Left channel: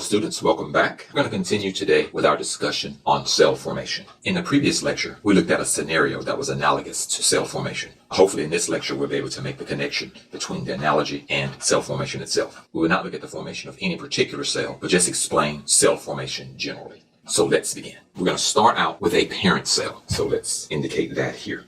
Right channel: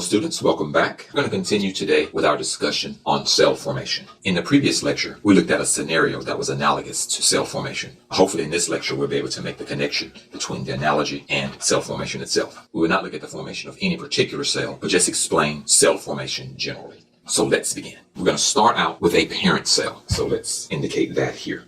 Hello students, welcome back. We're going to continue today with our discussion on cell formation. In the previous lecture, we looked at a scenario that was analogous to cell formation. Hopefully in this lecture, we'll be able to make the connection between the analogy and cell formation itself. We will not look at the formation of any particular cell, but just explain cell formation generally. So let's begin. We're going to start out with a parent cell. So let's indicate that here.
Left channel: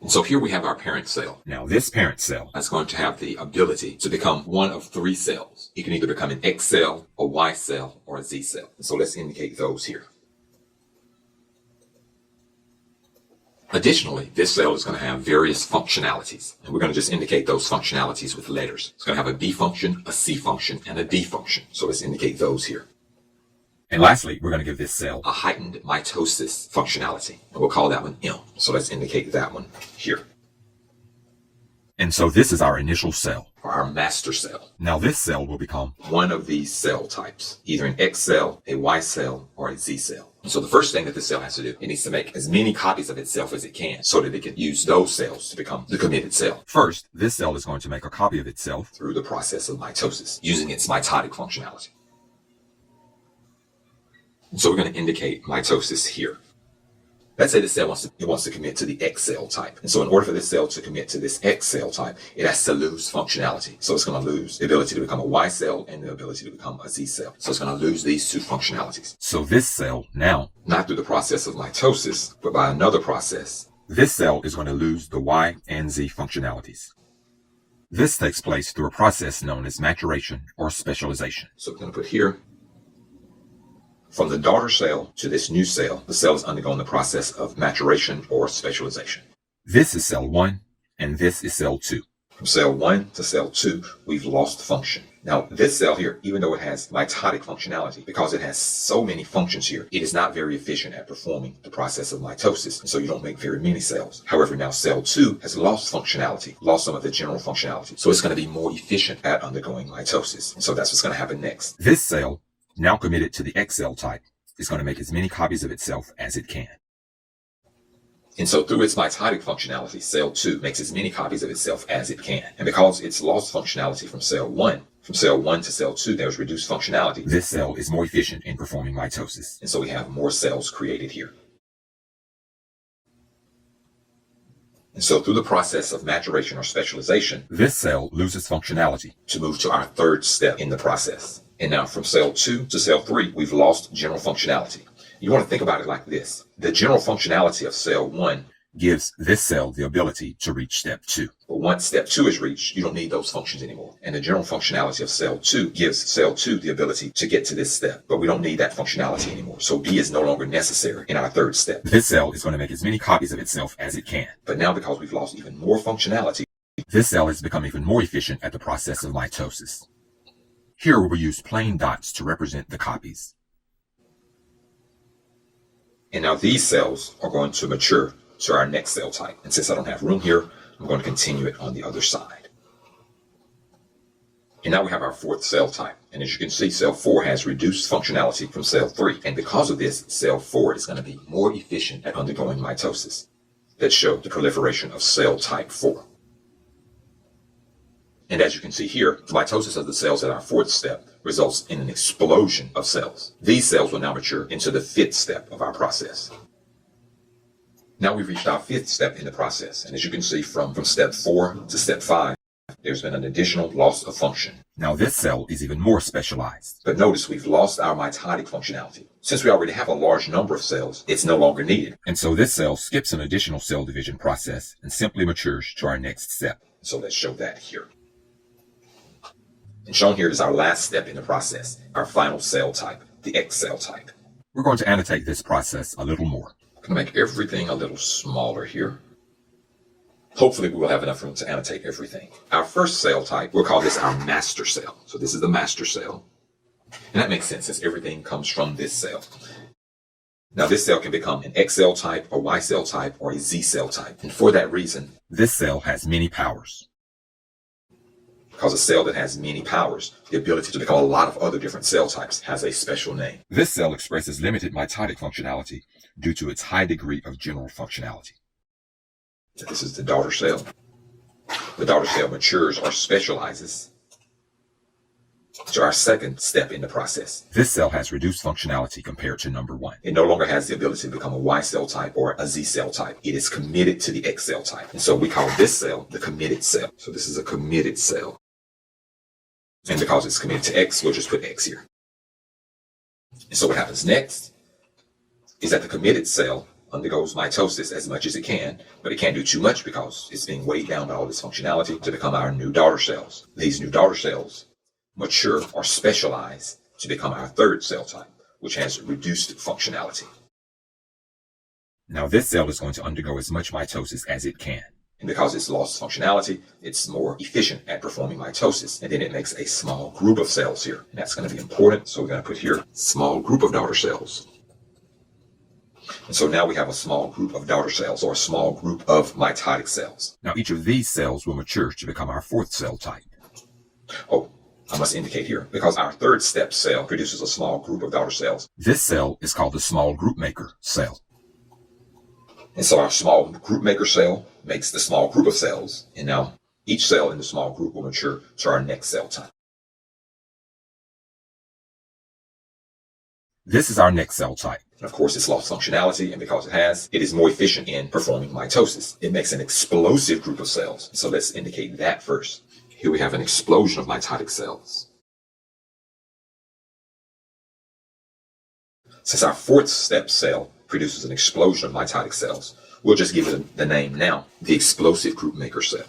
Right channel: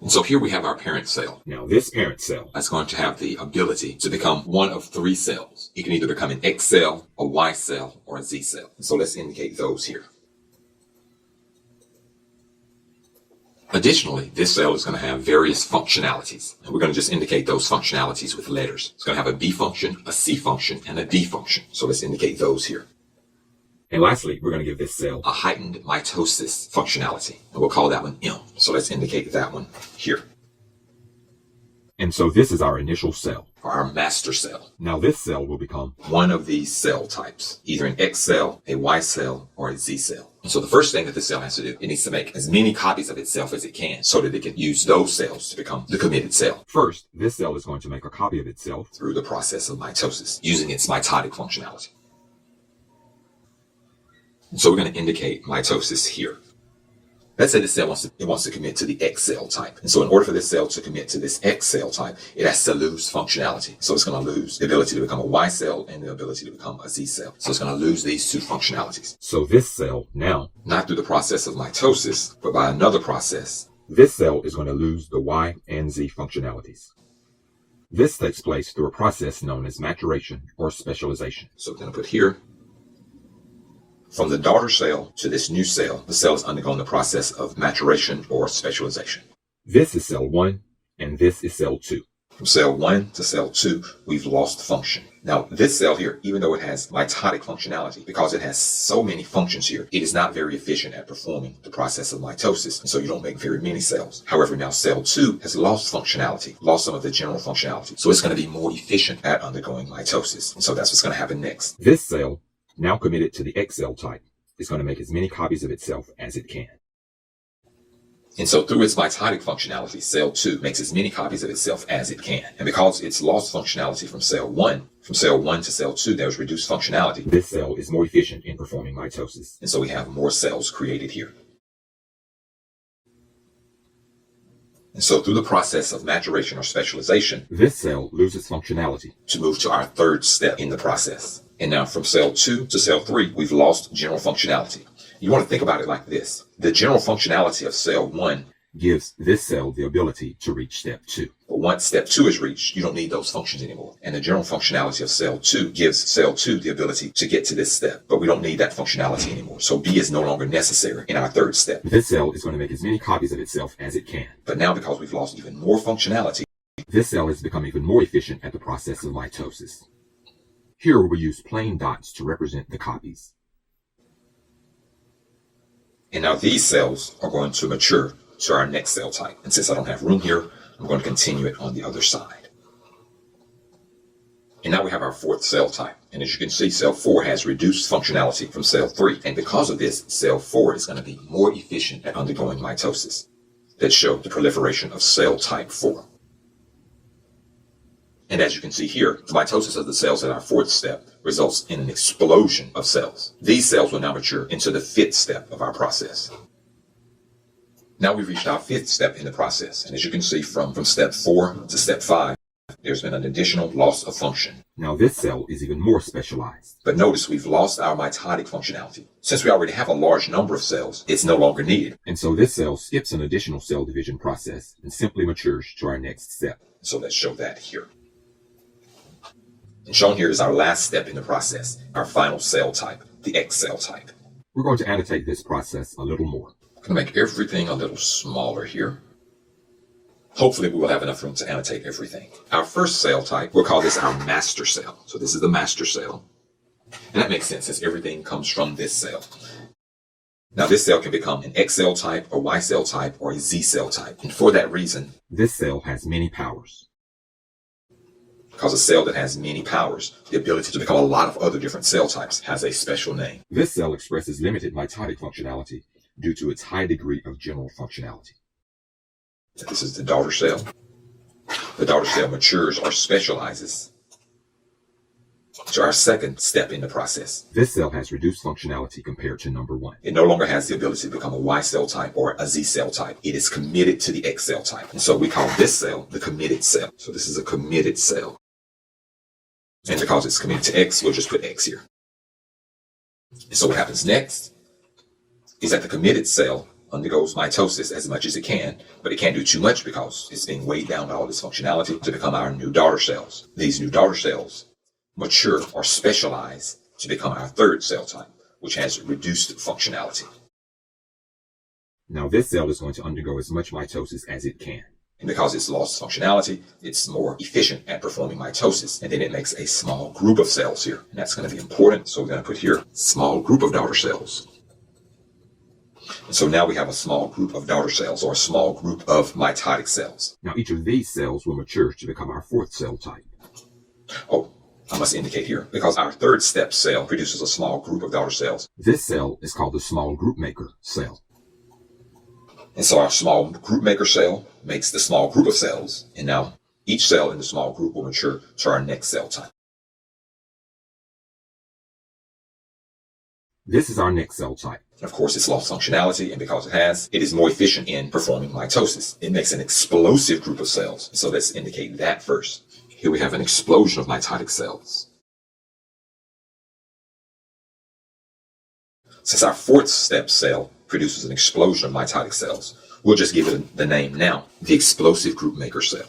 And so here we have our parent cell. Now this parent cell is going to have the ability to become one of three cells. It can either become an X cell, a Y cell, or a Z cell. And so let's indicate those here. Additionally, this cell is going to have various functionalities. And we're going to just indicate those functionalities with letters. It's going to have a B function, a C function, and a D function. So let's indicate those here. And lastly, we're going to give this cell a heightened mitosis functionality. And we'll call that one M. So let's indicate that one here. And so this is our initial cell, or our master cell. Now this cell will become one of these cell types, either an X cell, a Y cell, or a Z cell. And so the first thing that this cell has to do, it needs to make as many copies of itself as it can so that it can use those cells to become the committed cell. First, this cell is going to make a copy of itself through the process of mitosis, using its mitotic functionality. So we're going to indicate mitosis here. Let's say the cell wants to commit to the X cell type. And so in order for this cell to commit to this X cell type, it has to lose functionality. So it's going to lose the ability to become a Y cell and the ability to become a Z cell. So it's going to lose these two functionalities. So this cell now, not through the process of mitosis, but by another process, this cell is going to lose the Y and Z functionalities. This takes place through a process known as maturation or specialization. So we're going to put here, from the daughter cell to this new cell, the cell is undergoing the process of maturation or specialization. This is cell 1, and this is cell 2. From cell 1 to cell 2, we've lost function. Now, this cell here, even though it has mitotic functionality, because it has so many functions here, it is not very efficient at performing the process of mitosis, and so you don't make very many cells. However, now cell 2 has lost functionality, lost some of the general functionality, so it's going to be more efficient at undergoing mitosis. And so that's what's going to happen next. This cell, now committed to the X cell type, is going to make as many copies of itself as it can. And so through its mitotic functionality, cell 2 makes as many copies of itself as it can. And because it's lost functionality from cell 1 to cell 2, there's reduced functionality. This cell is more efficient in performing mitosis. And so we have more cells created here. And so through the process of maturation or specialization, this cell loses functionality to move to our third step in the process. And now from cell 2 to cell 3, we've lost general functionality. You want to think about it like this. The general functionality of cell 1 gives this cell the ability to reach step 2. But once step 2 is reached, you don't need those functions anymore. And the general functionality of cell 2 gives cell 2 the ability to get to this step. But we don't need that functionality anymore. So B is no longer necessary in our third step. This cell is going to make as many copies of itself as it can. But now because we've lost even more functionality, this cell has become even more efficient at the process of mitosis. Here we will use plain dots to represent the copies. And now these cells are going to mature to our next cell type. And since I don't have room here, I'm going to continue it on the other side. And now we have our fourth cell type. And as you can see, cell 4 has reduced functionality from cell 3. And because of this, cell 4 is going to be more efficient at undergoing mitosis. That shows the proliferation of cell type 4. And as you can see here, the mitosis of the cells at our fourth step results in an explosion of cells. These cells will now mature into the fifth step of our process. Now we've reached our fifth step in the process. And as you can see, from step 4 to step 5, there's been an additional loss of function. Now this cell is even more specialized. But notice we've lost our mitotic functionality. Since we already have a large number of cells, it's no longer needed. And so this cell skips an additional cell division process and simply matures to our next step. So let's show that here. And shown here is our last step in the process, our final cell type, the X cell type. We're going to annotate this process a little more. I'm going to make everything a little smaller here. Hopefully we will have enough room to annotate everything. Our first cell type, we'll call this our master cell. So this is the master cell. And that makes sense since everything comes from this cell. Now this cell can become an X cell type, a Y cell type, or a Z cell type. And for that reason, this cell has many powers. Because a cell that has many powers, the ability to become a lot of other different cell types, has a special name. This cell expresses limited mitotic functionality due to its high degree of general functionality. This is the daughter cell. The daughter cell matures or specializes to our second step in the process. This cell has reduced functionality compared to number 1. It no longer has the ability to become a Y cell type or a Z cell type. It is committed to the X cell type. And so we call this cell the committed cell. So this is a committed cell. And because it's committed to X, we'll just put X here. And so what happens next is that the committed cell undergoes mitosis as much as it can, but it can't do too much because it's being weighed down by all this functionality to become our new daughter cells. These new daughter cells mature or specialize to become our third cell type, which has reduced functionality. Now this cell is going to undergo as much mitosis as it can. And because it's lost functionality, it's more efficient at performing mitosis. And then it makes a small group of cells here. And that's going to be important. So we're going to put here small group of daughter cells. And so now we have a small group of daughter cells, or a small group of mitotic cells. Now each of these cells will mature to become our fourth cell type. Oh, I must indicate here, because our third step cell produces a small group of daughter cells. This cell is called the small group maker cell. And so our small group maker cell makes the small group of cells. And now each cell in the small group will mature to our next cell type. This is our next cell type. And of course, it's lost functionality, and because it has, it is more efficient in performing mitosis. It makes an explosive group of cells. So let's indicate that first. Here we have an explosion of mitotic cells. Since our fourth step cell produces an explosion of mitotic cells, we'll just give it the name now, the explosive group maker cell.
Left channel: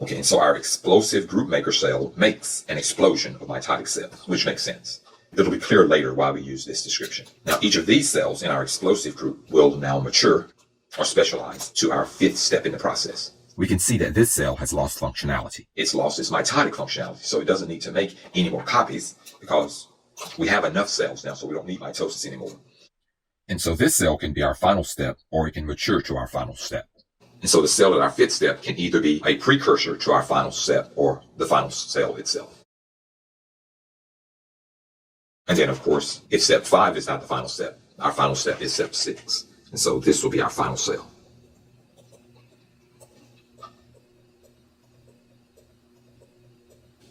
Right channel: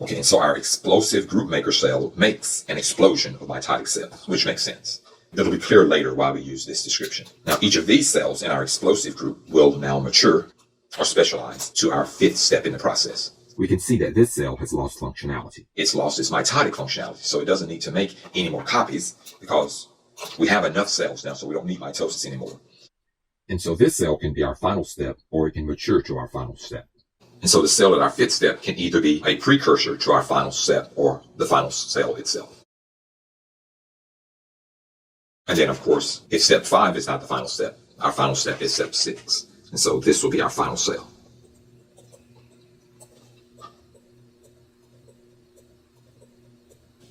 Okay, so our explosive group maker cell makes an explosion of mitotic cells, which makes sense. It'll be clear later why we use this description. Now, each of these cells in our explosive group will now mature or specialize to our fifth step in the process. We can see that this cell has lost functionality. It's lost its mitotic functionality, so it doesn't need to make any more copies because we have enough cells now, so we don't need mitosis anymore. And so this cell can be our final step, or it can mature to our final step. And so the cell in our fifth step can either be a precursor to our final step or the final cell itself. And then, of course, if step 5 is not the final step, our final step is step 6. And so this will be our final cell.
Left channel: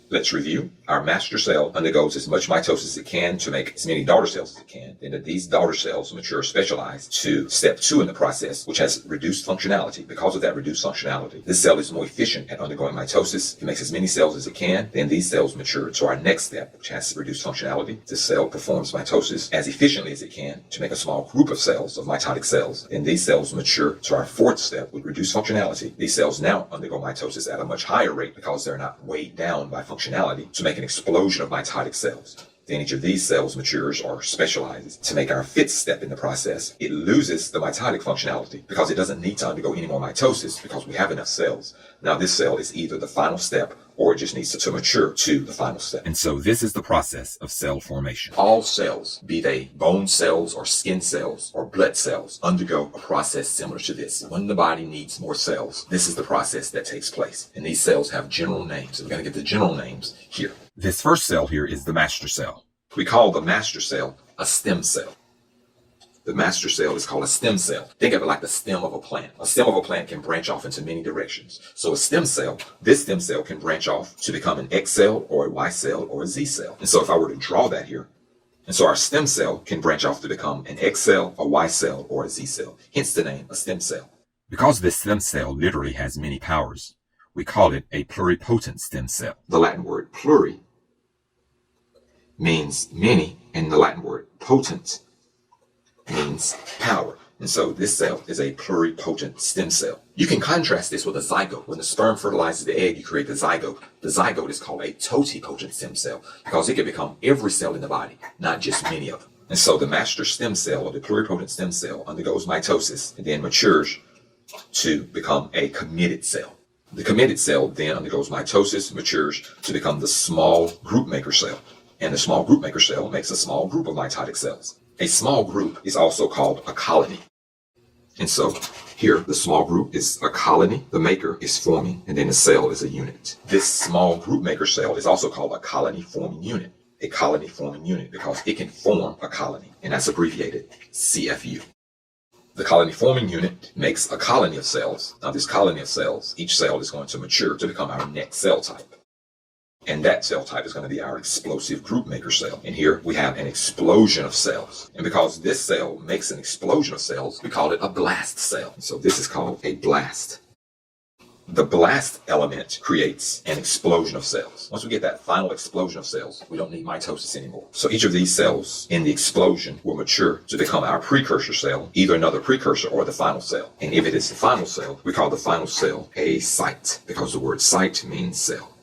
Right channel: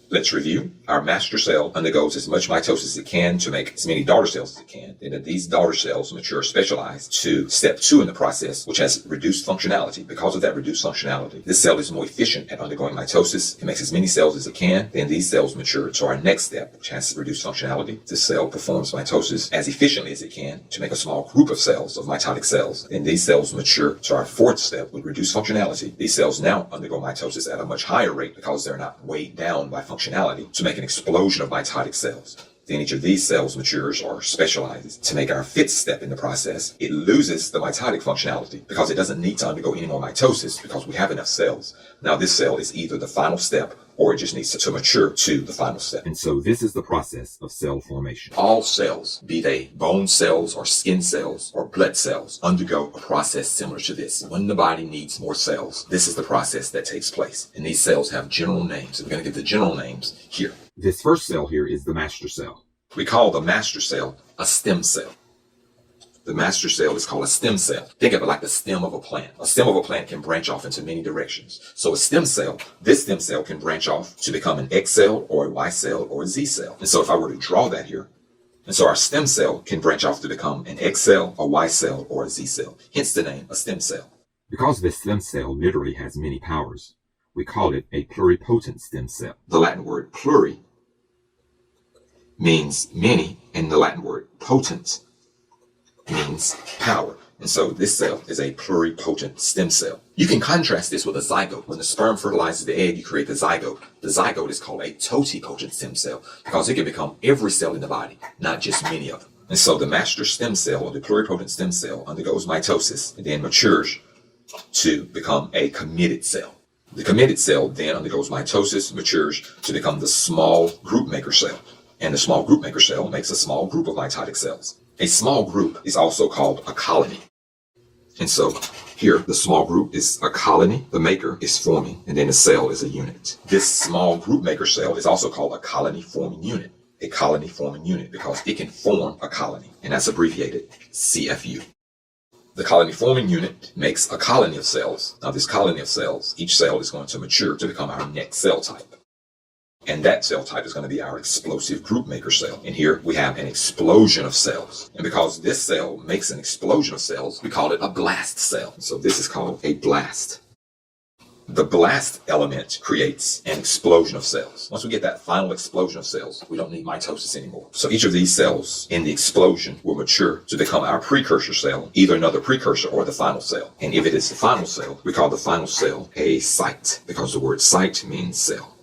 Let's review. Our master cell undergoes as much mitosis as it can to make as many daughter cells as it can. And these daughter cells mature specialized to step 2 in the process, which has reduced functionality. Because of that reduced functionality, this cell is more efficient at undergoing mitosis. It makes as many cells as it can. Then these cells mature to our next step, which has reduced functionality. This cell performs mitosis as efficiently as it can to make a small group of cells, of mitotic cells. Then these cells mature to our fourth step with reduced functionality. These cells now undergo mitosis at a much higher rate because they're not weighed down by functionality to make an explosion of mitotic cells. Then each of these cells matures or specializes to make our fifth step in the process. It loses the mitotic functionality because it doesn't need to undergo any more mitosis because we have enough cells. Now this cell is either the final step or it just needs to mature to the final step. And so this is the process of cell formation. All cells, be they bone cells or skin cells or blood cells, undergo a process similar to this. When the body needs more cells, this is the process that takes place. And these cells have general names. And we're going to give the general names here. This first cell here is the master cell. We call the master cell a stem cell. The master cell is called a stem cell. Think of it like the stem of a plant. A stem of a plant can branch off into many directions. So a stem cell, this stem cell can branch off to become an X cell or a Y cell or a Z cell. And so if I were to draw that here, and so our stem cell can branch off to become an X cell, a Y cell, or a Z cell. Hence the name a stem cell. Because this stem cell literally has many powers, we call it a pluripotent stem cell. The Latin word pluri means many, and the Latin word potent means power. And so this cell is a pluripotent stem cell. You can contrast this with a zygote. When the sperm fertilizes the egg, you create the zygote. The zygote is called a totipotent stem cell because it can become every cell in the body, not just many of them. And so the master stem cell, or the pluripotent stem cell, undergoes mitosis and then matures to become a committed cell. The committed cell then undergoes mitosis, matures to become the small group maker cell. And the small group maker cell makes a small group of mitotic cells. A small group is also called a colony. And so here, the small group is a colony, the maker is forming, and then the cell is a unit. This small group maker cell is also called a colony forming unit. A colony forming unit because it can form a colony, and that's abbreviated CFU. The colony forming unit makes a colony of cells. Now this colony of cells, each cell is going to mature to become our next cell type. And that cell type is going to be our explosive group maker cell. And here we have an explosion of cells. And because this cell makes an explosion of cells, we call it a blast cell. So this is called a blast. The blast element creates an explosion of cells. Once we get that final explosion of cells, we don't need mitosis anymore. So each of these cells in the explosion will mature to become our precursor cell, either another precursor or the final cell. And if it is the final cell, we call the final cell a site, because the word site means cell.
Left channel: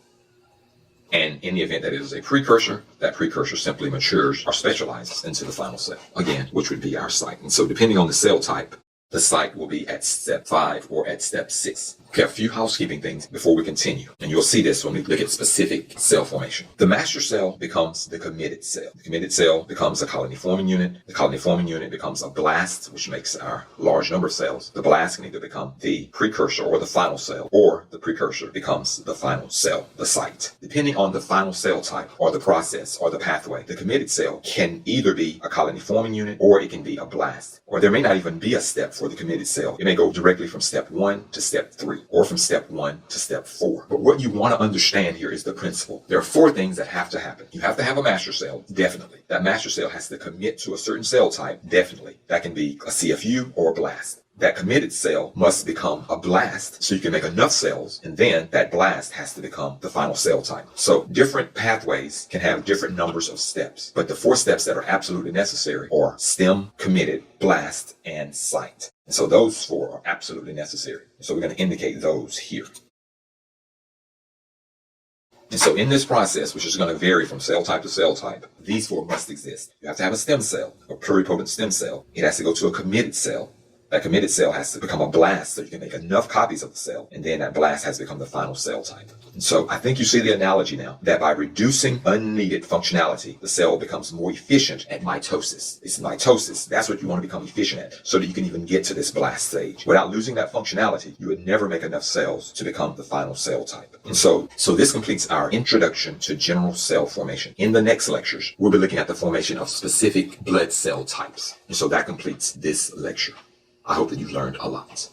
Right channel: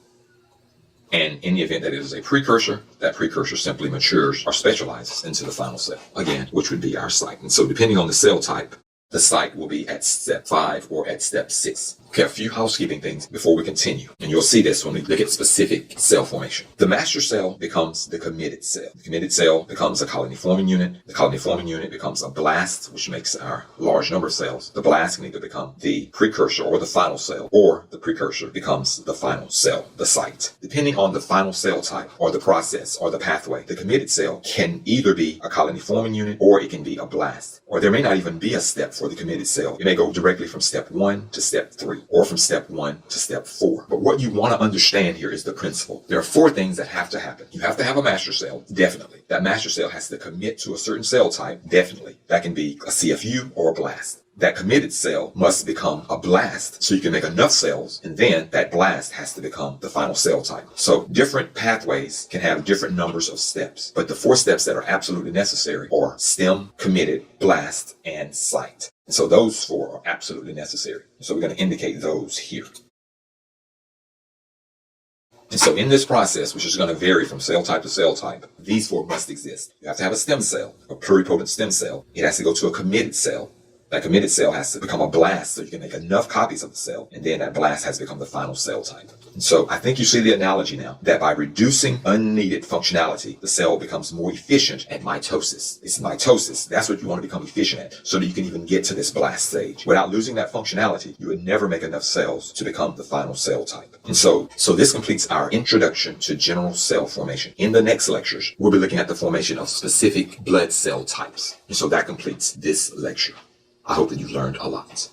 And in the event that it is a precursor, that precursor simply matures or specializes into the final cell, again, which would be our site. And so depending on the cell type, the site will be at step 5 or at step 6. Okay, a few housekeeping things before we continue. And you'll see this when we look at specific cell formation. The master cell becomes the committed cell. The committed cell becomes a colony-forming unit. The colony-forming unit becomes a blast, which makes our large number of cells. The blast can either become the precursor or the final cell, or the precursor becomes the final cell, the site. Depending on the final cell type or the process or the pathway, the committed cell can either be a colony-forming unit or it can be a blast. Or there may not even be a step for the committed cell. It may go directly from step 1 to step 3. Or from step 1 to step 4. But what you want to understand here is the principle. There are 4 things that have to happen. You have to have a master cell, definitely. That master cell has to commit to a certain cell type, definitely. That can be a CFU or a blast. That committed cell must become a blast so you can make enough cells, and then that blast has to become the final cell type. So different pathways can have different numbers of steps, but the 4 steps that are absolutely necessary are stem, committed, blast, and site. And so those 4 are absolutely necessary. So we're going to indicate those here. And so in this process, which is going to vary from cell type to cell type, these 4 must exist. You have to have a stem cell, a pluripotent stem cell. It has to go to a committed cell. That committed cell has to become a blast so you can make enough copies of the cell, and then that blast has to become the final cell type. And so I think you see the analogy now, that by reducing unneeded functionality, the cell becomes more efficient at mitosis. It's mitosis. That's what you want to become efficient at, so that you can even get to this blast stage. Without losing that functionality, you would never make enough cells to become the final cell type. And so this completes our introduction to general cell formation. In the next lectures, we'll be looking at the formation of specific blood cell types. And so that completes this lecture. I hope that you've learned a lot.